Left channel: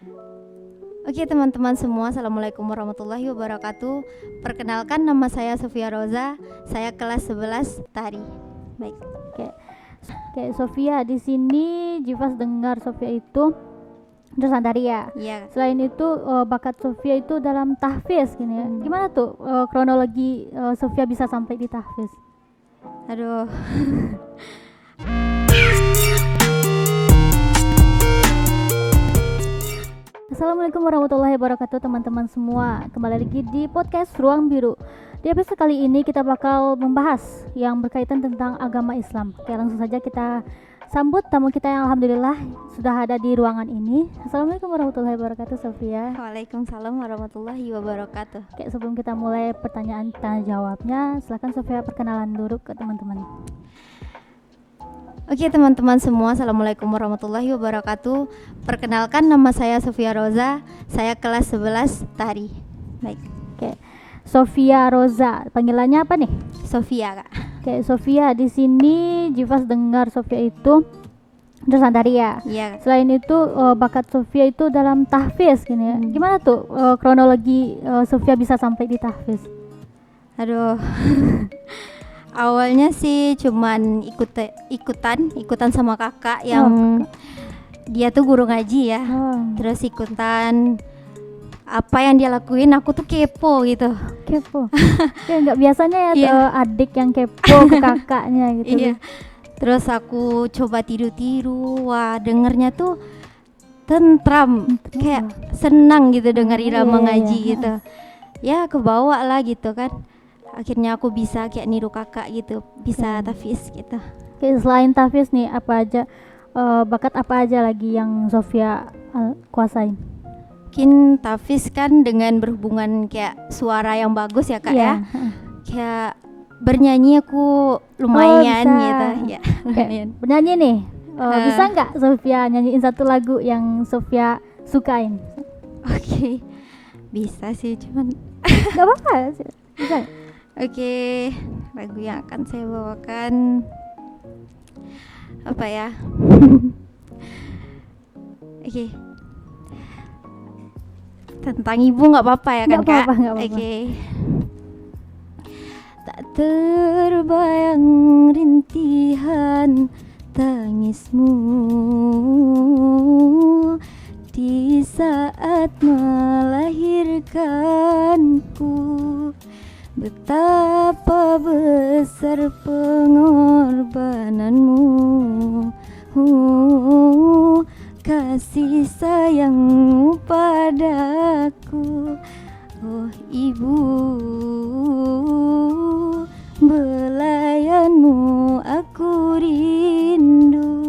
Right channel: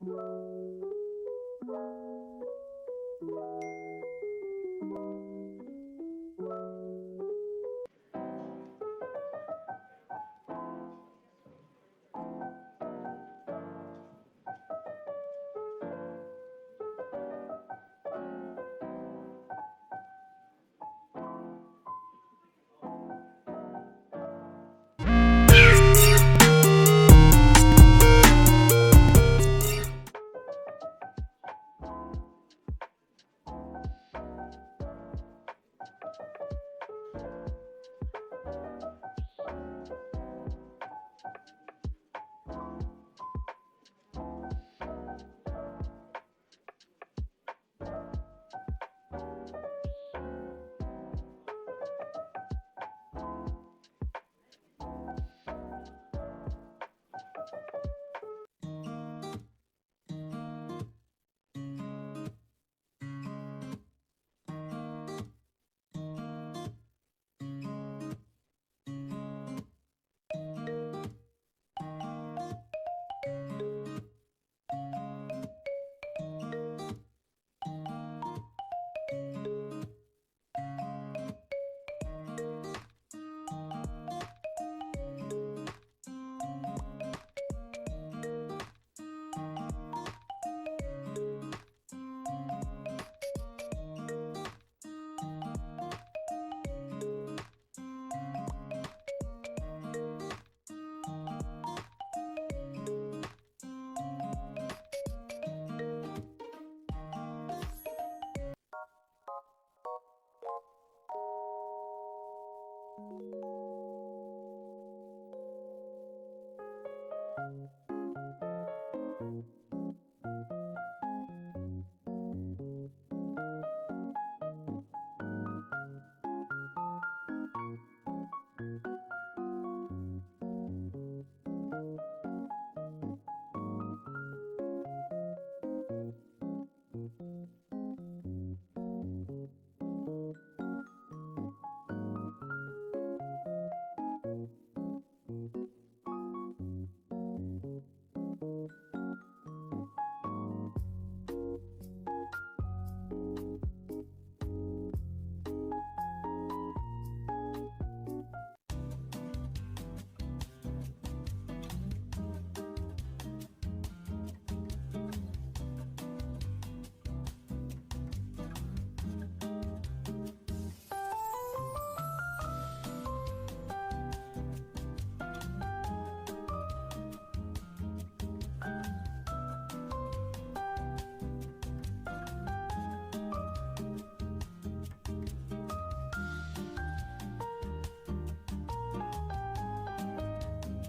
Oke teman-teman semua, Assalamualaikum warahmatullahi wabarakatuh. Perkenalkan, nama saya Sofia Roza. Saya kelas 11 tari. Baik. Oke, Sofia, di sini Jivas dengar Sofia itu jurusan tari ya. Iya. Selain itu bakat Sofia itu dalam tahfiz gini ya. Gimana tuh kronologi Sofia bisa sampai di tahfiz? Aduh. Assalamualaikum warahmatullahi wabarakatuh teman-teman semua. Kembali lagi di podcast Ruang Biru. Di episode kali ini kita bakal membahas yang berkaitan tentang agama Islam. Oke, langsung saja kita sambut tamu kita yang alhamdulillah sudah ada di ruangan ini. Assalamualaikum warahmatullahi wabarakatuh, Sofia. Waalaikumsalam warahmatullahi wabarakatuh. Oke, sebelum kita mulai pertanyaan tanya jawabnya, silakan Sofia perkenalan dulu ke teman-teman. Oke teman-teman semua, Assalamualaikum warahmatullahi wabarakatuh. Perkenalkan, nama saya Sofia Roza. Saya kelas 11 tari. Baik. Oke, Sofia Roza, panggilannya apa nih? Sofia, Kak. Oke, Sofia, di sini Jivas dengar Sofia itu jurusan tari ya. Iya. Selain itu bakat Sofia itu dalam tahfiz gini ya. Gimana tuh kronologi Sofia bisa sampai di tahfiz? Aduh. Awalnya sih cuman ikutan sama kakak yang dia tuh guru ngaji ya. Terus ikutan apa yang dia lakuin, aku tuh kepo gitu. Kepo. Ya nggak biasanya ya Iya. Adik yang kepo ke kakaknya gitu. Iya. Terus aku coba tiru-tiru, wah dengernya tuh tentram, kayak senang gitu denger irama Iya, ngaji iya. gitu. Ya kebawa lah gitu kan. Akhirnya aku bisa kayak niru kakak gitu, bisa tahfiz gitu. Oke, selain tahfiz nih apa aja bakat apa aja lagi yang Sofia kuasain? Mungkin tahfiz kan dengan berhubungan kayak suara yang bagus ya kak Iya. ya. Kayak bernyanyi aku lumayan bisa. gitu ya. Lumayan. Bernyanyi nih, bisa nggak Sofia nyanyiin satu lagu yang Sofia sukain? Oke. Bisa sih, cuman Gak apa-apa, bisa. oke, lagu yang akan saya bawakan apa ya? Oke. Tentang ibu nggak apa-apa ya kan Nggak kak? apa-apa, nggak apa-apa. Oke. Tak terbayang rintihan tangismu di saat melahirkanku. Betapa besar pengorbananmu, kasih sayangmu padaku. Oh ibu, belayanmu aku rindu.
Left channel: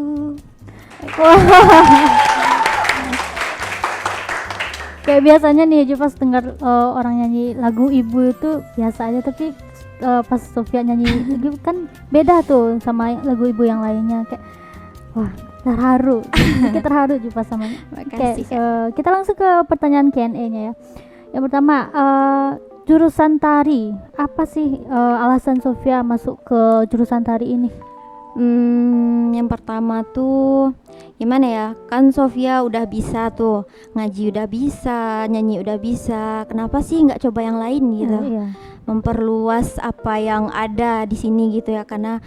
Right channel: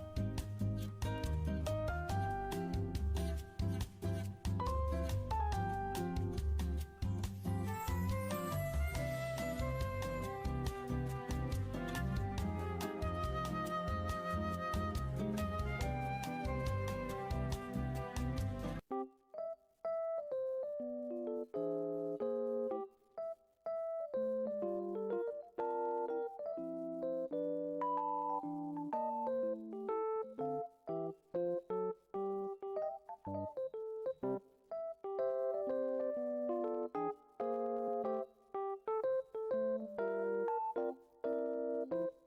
Kayak biasanya nih Jivas dengar orang nyanyi lagu ibu itu biasa aja, tapi pas Sofia nyanyi itu kan beda tuh sama lagu ibu yang lainnya. Kayak wah, terharu. Sedikit terharu Jivas sama. Makasih kak. Kita langsung ke pertanyaan Q&A-nya ya. Yang pertama, jurusan tari. Apa sih alasan Sofia masuk ke jurusan tari ini? Yang pertama tuh gimana ya, kan Sofia udah bisa tuh ngaji, udah bisa nyanyi, udah bisa, kenapa sih nggak coba yang lain gitu, Iya. memperluas apa yang ada di sini gitu ya, karena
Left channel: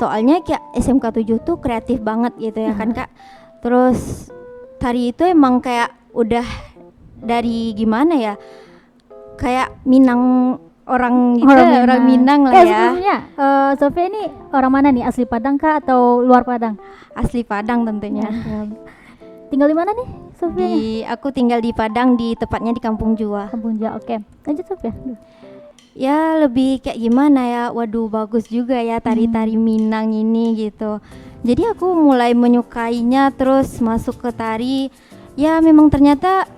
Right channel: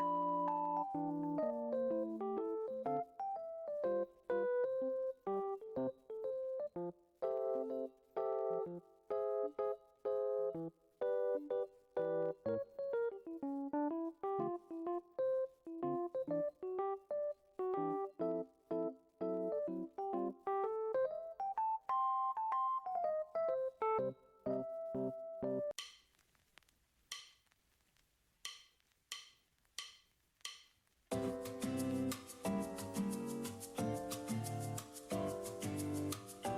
soalnya kayak SMK 7 tuh kreatif banget gitu ya kan kak. Terus tari itu emang kayak udah dari gimana ya, kayak Minang orang gitu, orang Minang lah ya. Sebelumnya Sofia ini orang mana nih? Asli Padang kah atau luar Padang? Asli Padang tentunya. Tinggal di mana nih Sofia? Aku tinggal di Padang, di tepatnya di Kampung Jua. Kampung Jua. Oke. Lanjut Sofia. Ya lebih kayak gimana ya, waduh bagus juga ya tari-tari Minang ini gitu. Jadi aku mulai menyukainya, terus masuk ke tari. Ya memang ternyata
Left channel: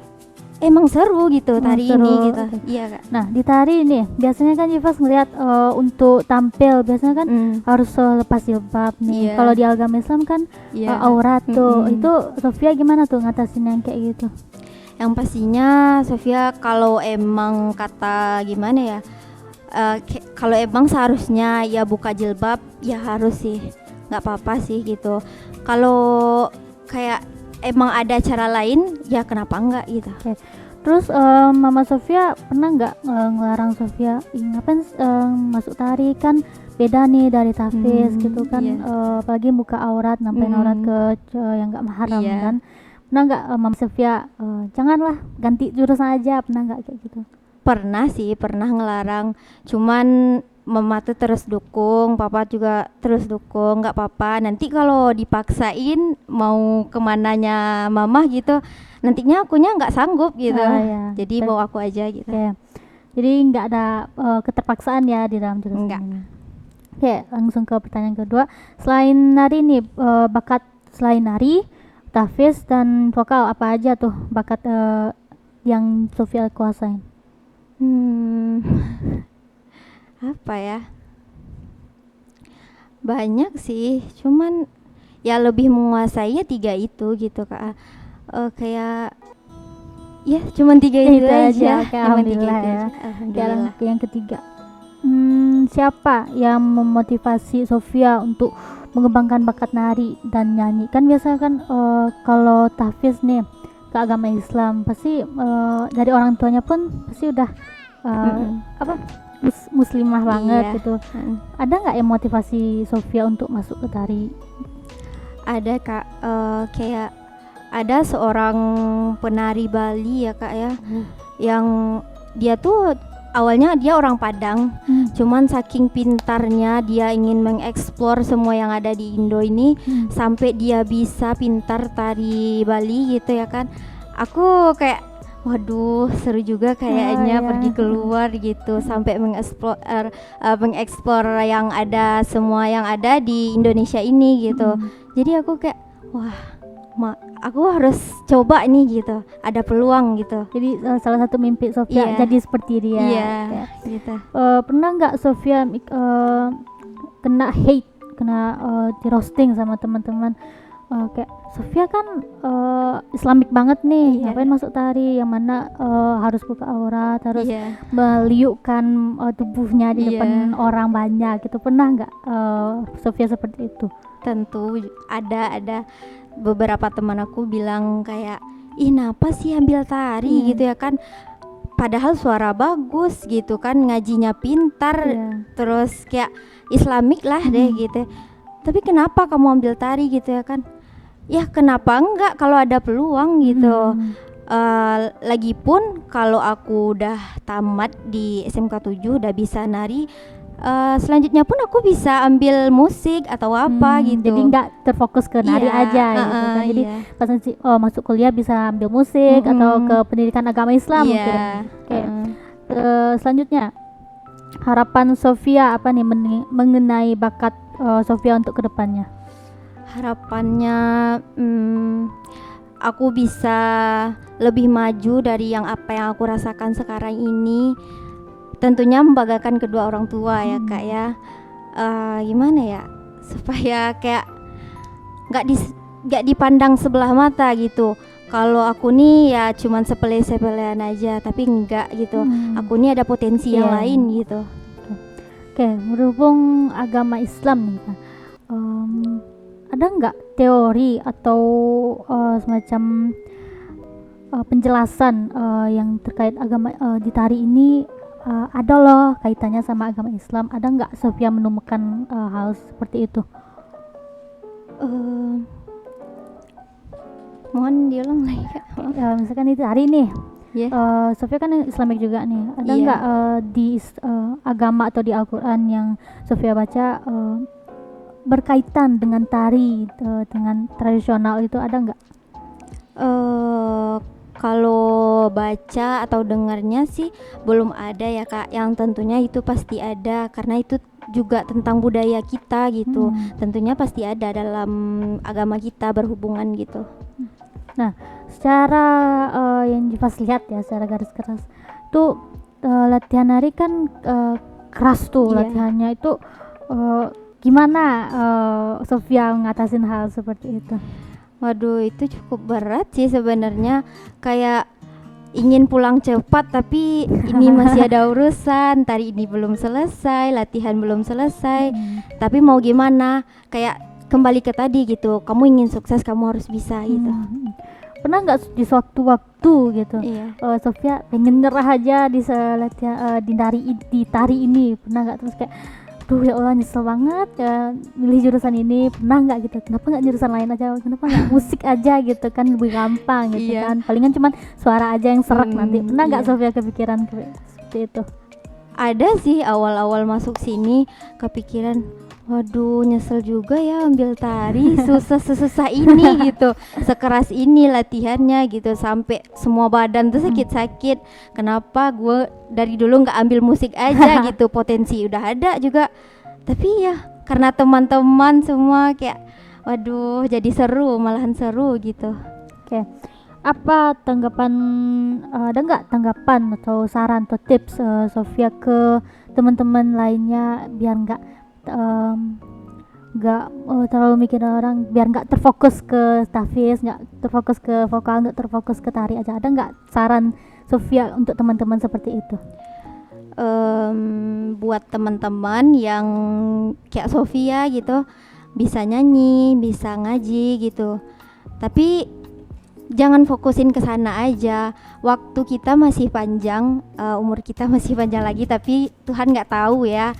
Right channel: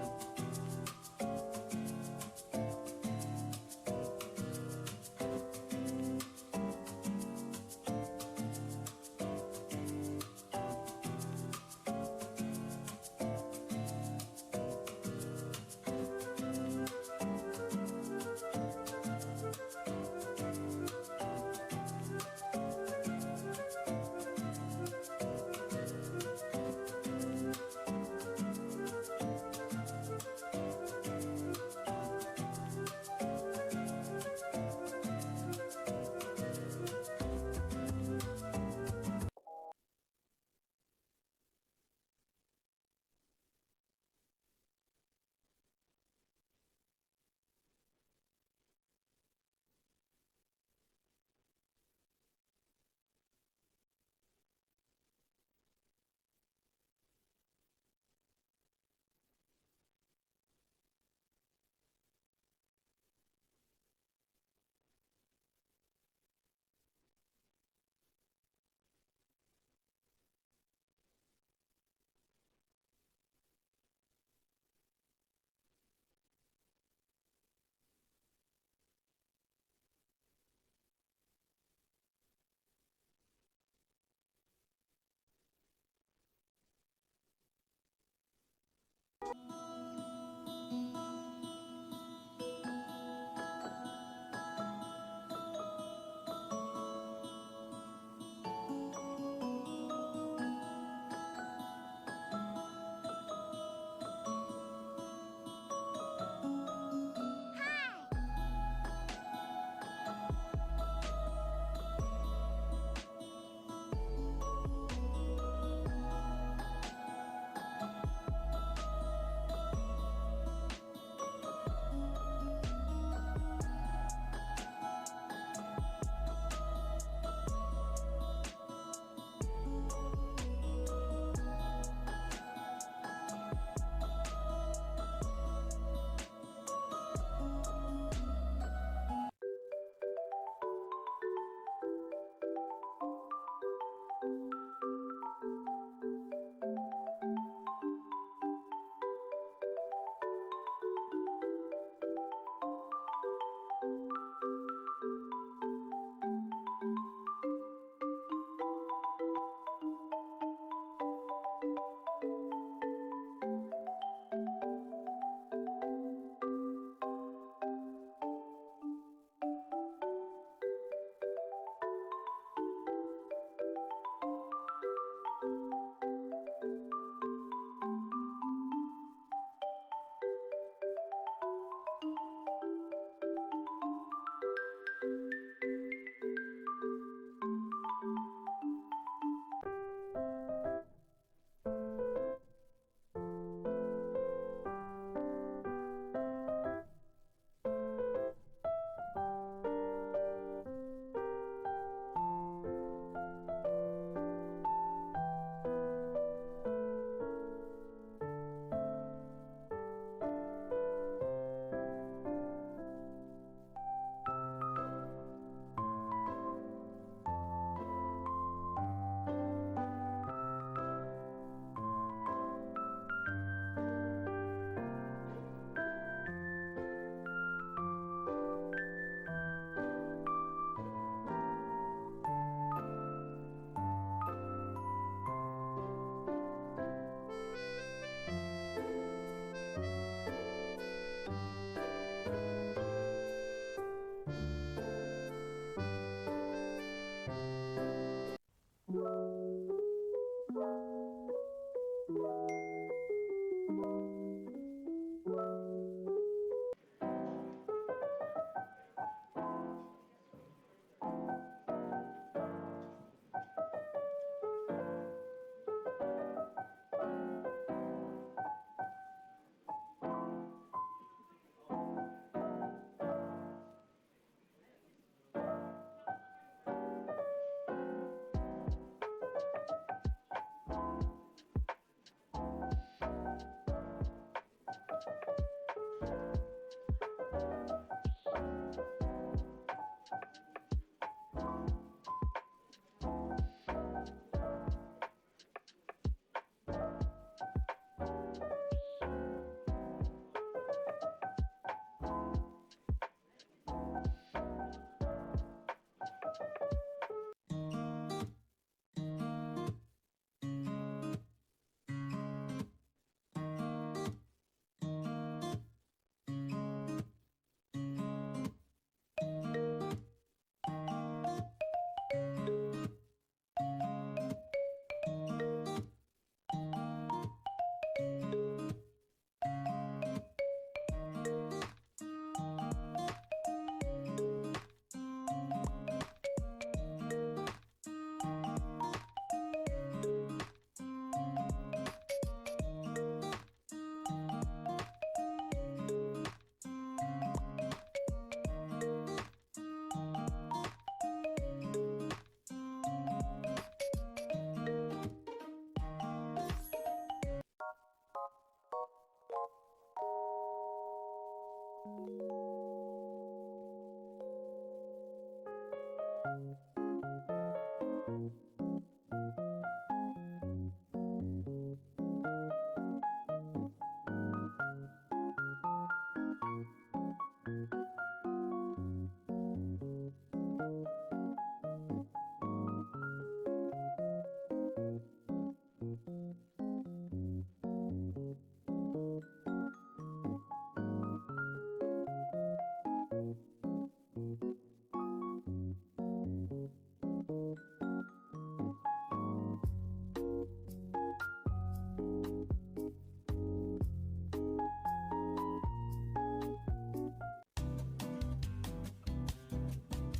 emang seru gitu tari seru. ini gitu. Oke. Iya kak. Nah di tari nih biasanya kan Jivas ngeliat untuk tampil biasanya kan harus lepas jilbab nih. Iya. Kalau di agama Islam kan Iya. aurat tuh. Mm-mm. Itu Sofia gimana tuh ngatasin yang kayak gitu? Yang pastinya Sofia kalau emang kata gimana ya, kalau emang seharusnya ya buka jilbab ya harus sih, nggak apa-apa sih gitu. Kalau kayak emang ada cara lain ya kenapa enggak gitu. Terus Mama Sofia pernah nggak ngelarang Sofia ngapain masuk tari, kan beda nih dari tahfiz gitu kan, apalagi buka aurat, nampain aurat ke yang nggak mahram kan. Pernah nggak Mama Sofia janganlah, ganti jurusan aja, pernah nggak kayak gitu? Pernah sih, pernah ngelarang, cuman mama tuh terus dukung, papa juga terus dukung, nggak apa-apa, nanti kalau dipaksain mau kemananya mama gitu, nantinya akunya nggak sanggup gitu, Ya. jadi bawa aku aja gitu. Oke. Jadi nggak ada keterpaksaan ya di dalam jurusan Nggak. ini. Oke, langsung ke pertanyaan kedua. Selain nari nih, bakat selain nari, tahfiz dan vokal, apa aja tuh bakat yang Sofia kuasain? Apa ya? Banyak sih, cuman ya lebih menguasainya 3 itu gitu Kak. Kayak ya cuman 3 itu aja. Oke, Cuman 3 alhamdulillah itu ya. aja. Alhamdulillah. Yang ketiga, siapa yang memotivasi Sofia untuk mengembangkan bakat nari dan nyanyi? Kan biasa kan kalau tahfiz nih ke agama Islam pasti dari orang tuanya pun pasti udah muslimah banget gitu. Ada nggak yang motivasi Sofia untuk masuk ke tari? Ada Kak, kayak ada seorang penari Bali ya Kak ya, yang dia tuh awalnya dia orang Padang, cuman saking pintarnya dia ingin mengeksplor semua yang ada di Indo ini, sampai dia bisa pintar tari Bali gitu ya kan. Aku kayak waduh seru juga kayaknya pergi keluar gitu, sampai mengeksplor yang ada, semua yang ada di Indonesia ini gitu. Jadi aku kayak wah aku harus coba nih gitu, ada peluang gitu. Jadi salah satu mimpi Sofia jadi seperti dia. Iya, gitu. Pernah nggak Sofia kena hate, kena di roasting sama teman-teman? Kayak Sofia kan Islamik banget nih, ngapain masuk tari yang mana harus buka aurat, harus meliukkan tubuhnya di depan orang banyak gitu. Pernah nggak Sofia seperti itu? Tentu ada beberapa teman aku bilang kayak ih kenapa sih ambil tari gitu ya kan, padahal suara bagus gitu kan, ngajinya pintar, terus kayak Islamik lah deh gitu, tapi kenapa kamu ambil tari gitu ya kan. Ya kenapa enggak kalau ada peluang gitu. Lagipun kalau aku udah tamat di SMK 7 udah bisa nari, selanjutnya pun aku bisa ambil musik atau apa gitu. Jadi nggak terfokus ke nari aja gitu kan. Jadi pas nanti masuk kuliah bisa ambil musik atau ke pendidikan agama Islam mungkin. Oke. Selanjutnya, harapan Sofia apa nih mengenai bakat Sofia untuk kedepannya? Harapannya aku bisa lebih maju dari yang apa yang aku rasakan sekarang ini. Tentunya membanggakan kedua orang tua ya Kak ya. Gimana ya, supaya kayak nggak dipandang sebelah mata gitu. Kalau aku nih ya cuman sepele-sepelean aja, tapi enggak gitu. Aku nih ada potensi yang lain gitu. Oke, berhubung agama Islam nih Kak, ada nggak teori atau semacam penjelasan yang terkait agama di tari ini ada loh kaitannya sama agama Islam? Ada nggak Sofia menemukan hal seperti itu? Mohon diulang lagi Kak. Misalkan di tari nih, Sofia kan Islamik juga nih. Ada nggak di agama atau di Al-Quran yang Sofia baca berkaitan dengan tari, dengan tradisional itu, ada nggak? Kalau baca atau dengarnya sih belum ada ya Kak, yang tentunya itu pasti ada karena itu juga tentang budaya kita gitu. Tentunya pasti ada dalam agama kita berhubungan gitu. Nah, secara yang Jivas lihat ya, secara garis keras tuh latihan nari kan keras tuh latihannya itu. Gimana Sofia ngatasin hal seperti itu? Waduh, itu cukup berat sih sebenarnya. Kayak ingin pulang cepat tapi ini masih ada urusan, tari ini belum selesai, latihan belum selesai. Tapi mau gimana? Kayak kembali ke tadi gitu, kamu ingin sukses kamu harus bisa gitu. Pernah nggak di sewaktu-waktu gitu Iya. Sofia pengen nyerah aja di di tari ini, pernah nggak? Terus kayak duh ya Allah nyesel banget ya milih jurusan ini, pernah nggak gitu? Kenapa nggak jurusan lain aja, kenapa nggak musik aja gitu kan, lebih gampang gitu Iya. kan, palingan cuman suara aja yang serak nanti. Pernah nggak iya. Sofia kepikiran seperti itu? Ada sih awal-awal masuk sini kepikiran, waduh nyesel juga ya ambil tari, susah ini gitu, sekeras ini latihannya gitu, sampai semua badan tuh sakit-sakit. Kenapa gue dari dulu nggak ambil musik aja gitu, potensi udah ada juga. Tapi ya karena teman-teman semua kayak, waduh jadi seru, malahan seru gitu. Oke. Apa tanggapan, ada nggak tanggapan atau saran atau tips Sofia ke teman-teman lainnya biar nggak terlalu mikirin orang, biar nggak terfokus ke tafis, nggak terfokus ke vokal, nggak terfokus ke tari aja? Ada nggak saran Sofia untuk teman-teman seperti itu? Buat teman-teman yang kayak Sofia gitu, bisa nyanyi, bisa ngaji gitu, tapi jangan fokusin ke sana aja. Waktu kita masih panjang, umur kita masih panjang lagi, tapi Tuhan nggak tahu ya.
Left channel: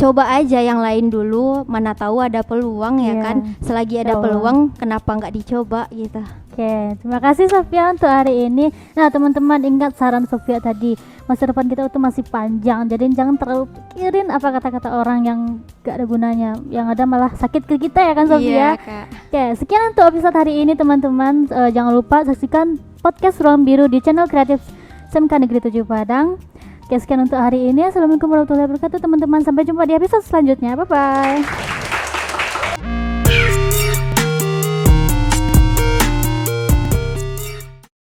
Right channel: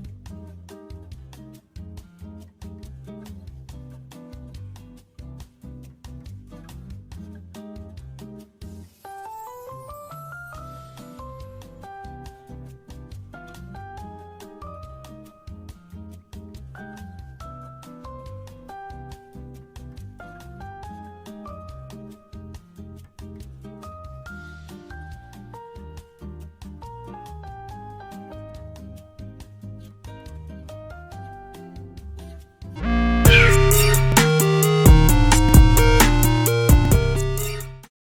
Coba aja yang lain dulu, mana tahu ada peluang ya kan. Selagi ada peluang, kenapa nggak dicoba gitu. Oke, terima kasih Sofia untuk hari ini. Nah teman-teman, ingat saran Sofia tadi, masa depan kita itu masih panjang, jadi jangan terlalu pikirin apa kata-kata orang yang gak ada gunanya, yang ada malah sakit ke kita ya kan Sofia. Iya, Kak. Oke, sekian untuk episode hari ini teman-teman. Jangan lupa saksikan podcast Ruang Biru di channel kreatif SMK Negeri 7 Padang. Oke, sekian untuk hari ini. Assalamualaikum warahmatullahi wabarakatuh teman-teman, sampai jumpa di episode selanjutnya. Bye bye.